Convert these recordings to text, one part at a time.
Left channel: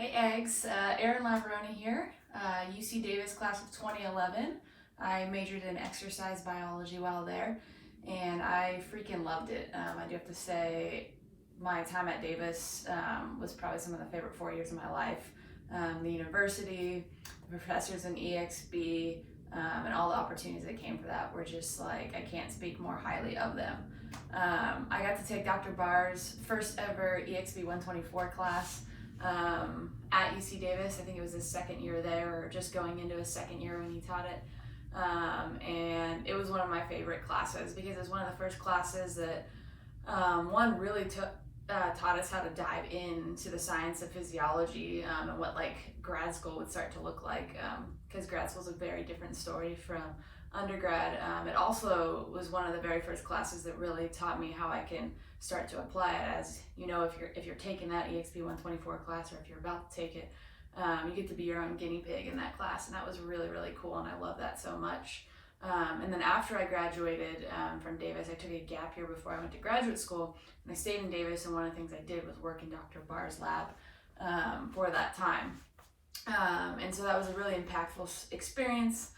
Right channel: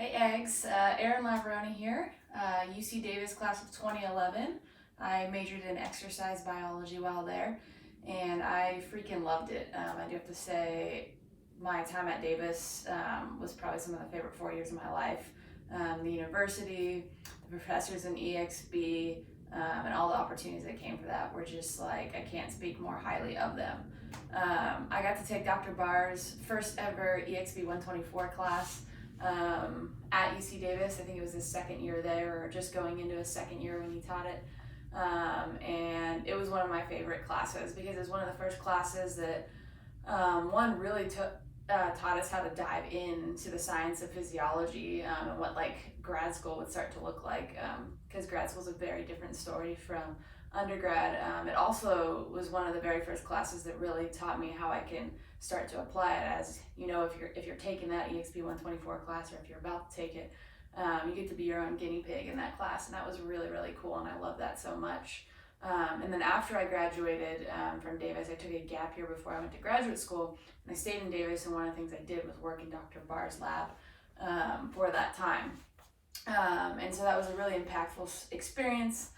Hey Eggs, Erin Laverone here, UC Davis class of 2011. I majored in exercise biology while there, and I freaking loved it. I do have to say, my time at Davis was probably some of the favorite 4 years of my life. The university, the professors in EXB, and all the opportunities that came for that were just like, I can't speak more highly of them. I got to take Dr. Barr's first ever EXB124 class at UC Davis. I think it was his second year there, or just going into his second year when he taught it. And it was one of my favorite classes because it was one of the first classes that one really taught us how to dive into the science of physiology and what like grad school would start to look like, because grad school is a very different story from undergrad. It also was one of the very first classes that really taught me how I can start to apply it. As you know, if you're taking that EXB124 class, or if you're about to take it, you get to be your own guinea pig in that class, and that was really, really cool, and I love that so much. And then after I graduated from Davis, I took a gap year before I went to graduate school, and I stayed in Davis, and one of the things I did was work in Dr. Barr's lab for that time. And so that was a really impactful experience.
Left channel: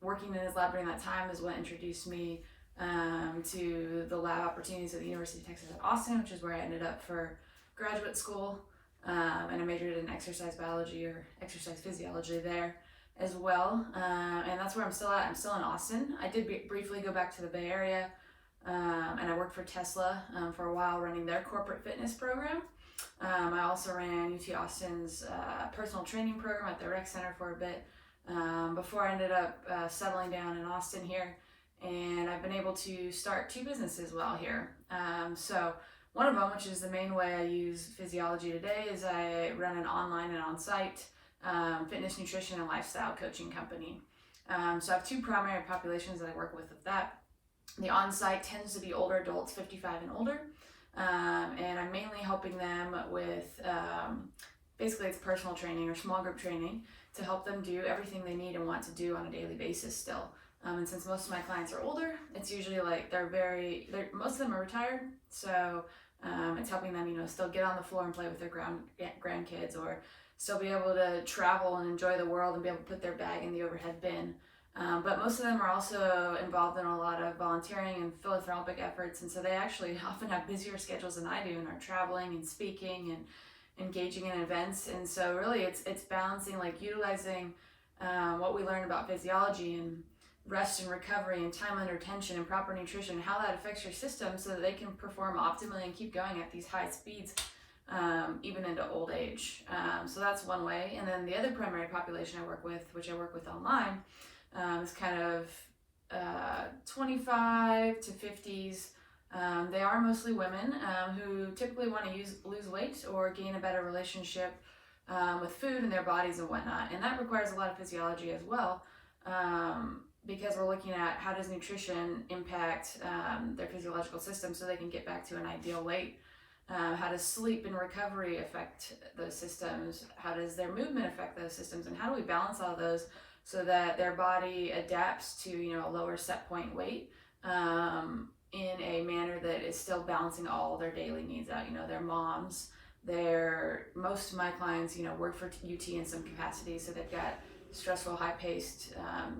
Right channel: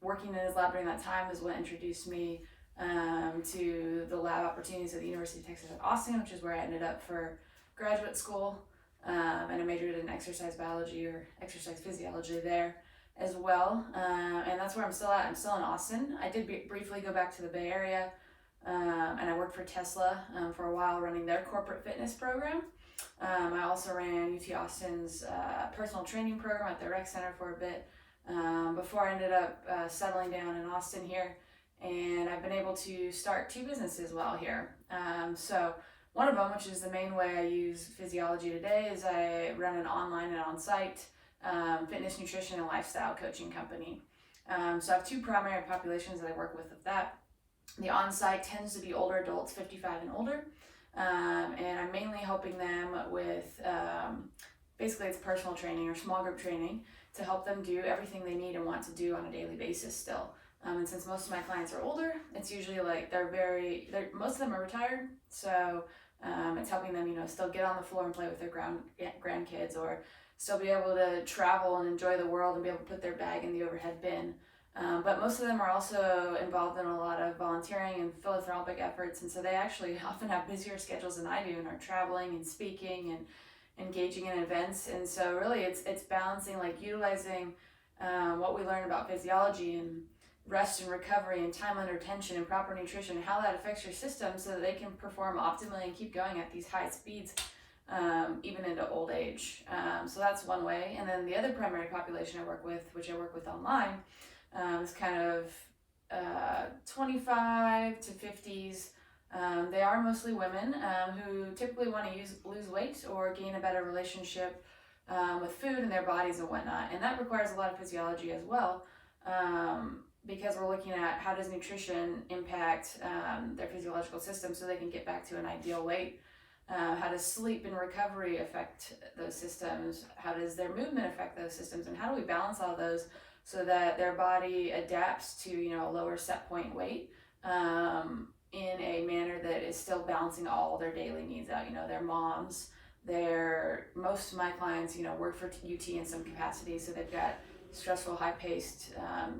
Working in his lab during that time is what introduced me to the lab opportunities at the University of Texas at Austin, which is where I ended up for graduate school. And I majored in exercise biology or exercise physiology there as well. And that's where I'm still at. I'm still in Austin. I did briefly go back to the Bay Area, and I worked for Tesla for a while running their corporate fitness program. I also ran UT Austin's personal training program at the rec center for a bit before I ended up settling down in Austin here. And I've been able to start two businesses while here. So one of them, which is the main way I use physiology today, is I run an online and on-site fitness, nutrition, and lifestyle coaching company. So I have two primary populations that I work with that. The on-site tends to be older adults, 55 and older, and I'm mainly helping them with basically it's personal training or small group training to help them do everything they need and want to do on a daily basis still. And since most of my clients are older, it's usually like most of them are retired, so it's helping them, still get on the floor and play with their grandkids, or still be able to travel and enjoy the world and be able to put their bag in the overhead bin. But most of them are also involved in a lot of volunteering and philanthropic efforts, and so they actually often have busier schedules than I do and are traveling and speaking and engaging in events. And so really it's balancing, like utilizing what we learn about physiology and rest and recovery and time under tension and proper nutrition, how that affects your system so that they can perform optimally and keep going at these high speeds even into old age. So that's one way. And then the other primary population I work with, which I work with online, is kind of 25 to 50s. They are mostly women who typically want to lose weight or gain a better relationship with food and their bodies and whatnot. And that requires a lot of physiology as well, because we're looking at how does nutrition impact their physiological system so they can get back to an ideal weight. How does sleep and recovery affect those systems? How does their movement affect those systems? And how do we balance all those so that their body adapts to a lower set point weight in a manner that is still balancing all their daily needs out? Their moms, most of my clients work for UT in some capacity, so they've got stressful, high-paced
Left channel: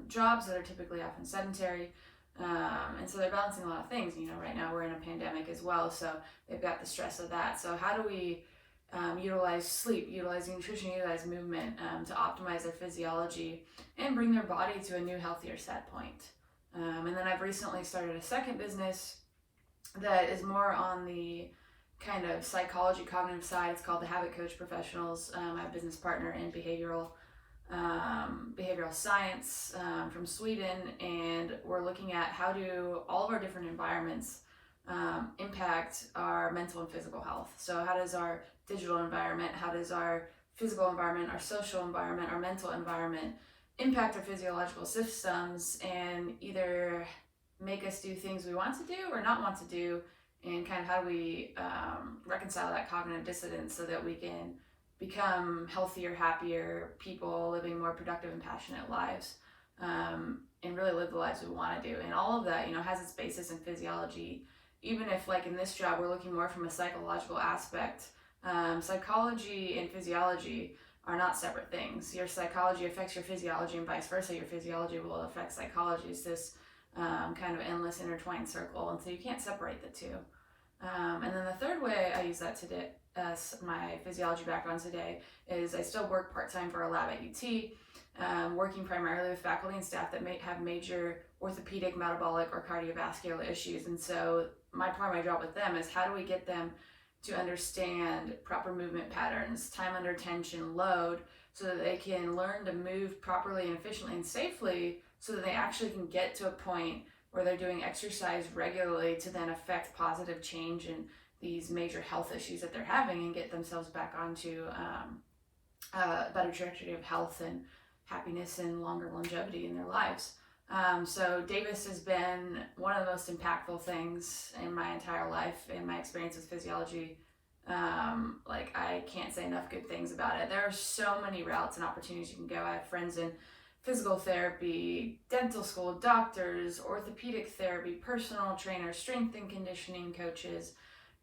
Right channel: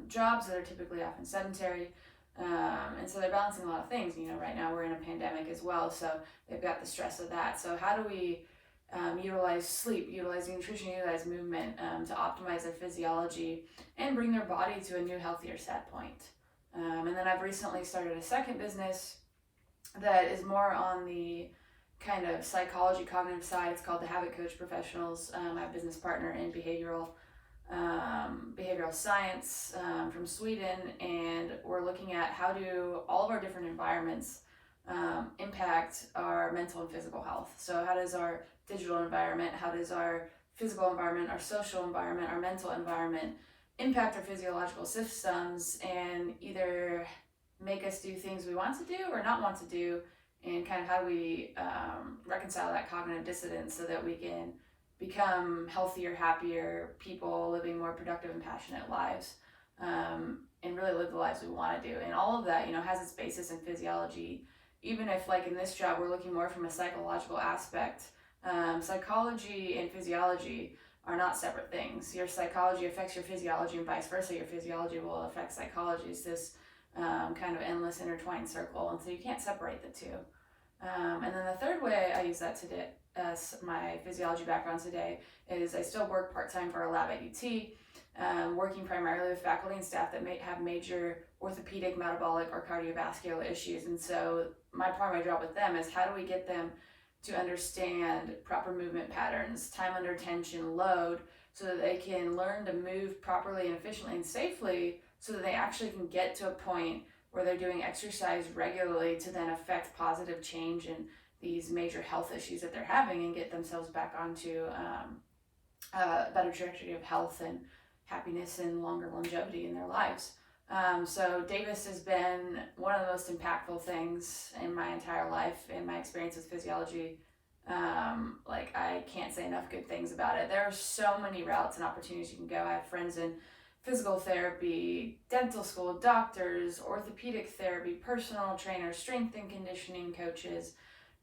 jobs that are typically often sedentary, and so they're balancing a lot of things. Right now we're in a pandemic as well, so they've got the stress of that. So how do we utilize sleep, utilize nutrition, utilize movement to optimize their physiology and bring their body to a new, healthier set point? And then I've recently started a second business that is more on the kind of psychology, cognitive side. It's called the Habit Coach Professionals. I have a business partner in behavioral science from Sweden, and we're looking at how do all of our different environments impact our mental and physical health. So how does our digital environment, how does our physical environment, our social environment, our mental environment impact our physiological systems and either make us do things we want to do or not want to do, and kind of how do we reconcile that cognitive dissonance so that we can become healthier, happier people living more productive and passionate lives, and really live the lives we want to do. And all of that has its basis in physiology, even if like in this job we're looking more from a psychological aspect Psychology and physiology are not separate things. Your psychology affects your physiology and vice versa. Your physiology will affect psychology. It's this kind of endless intertwined circle, and so you can't separate the two. And then the third way I use that today, my physiology background today, is I still work part-time for a lab at UT, working primarily with faculty and staff that may have major orthopedic, metabolic, or cardiovascular issues. And so my primary job with them is how do we get them to understand proper movement patterns, time under tension, load, so that they can learn to move properly and efficiently and safely, so that they actually can get to a point where they're doing exercise regularly to then affect positive change in these major health issues that they're having and get themselves back onto a better trajectory of health and happiness and longer longevity in their lives. So Davis has been one of the most impactful things in my entire life, in my experience with physiology. Like, I can't say enough good things about it. There are so many routes and opportunities you can go. I have friends in physical therapy, dental school, doctors, orthopedic therapy, personal trainers, strength and conditioning coaches,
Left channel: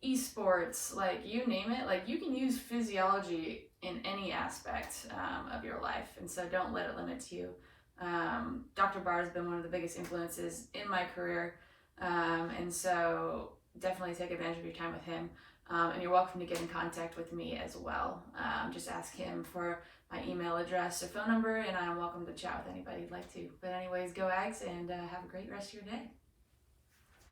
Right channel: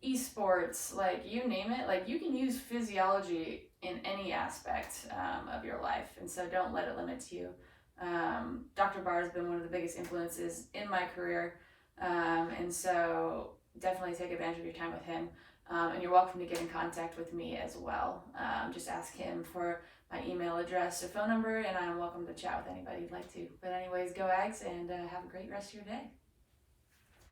esports, like you name it. Like, you can use physiology in any aspect of your life, and so don't let it limit you. Dr. Barr has been one of the biggest influences in my career, and so definitely take advantage of your time with him. And you're welcome to get in contact with me as well. Just ask him for my email address or phone number, and I'm welcome to chat with anybody you'd like to. But anyways, go Ags, and have a great rest of your day.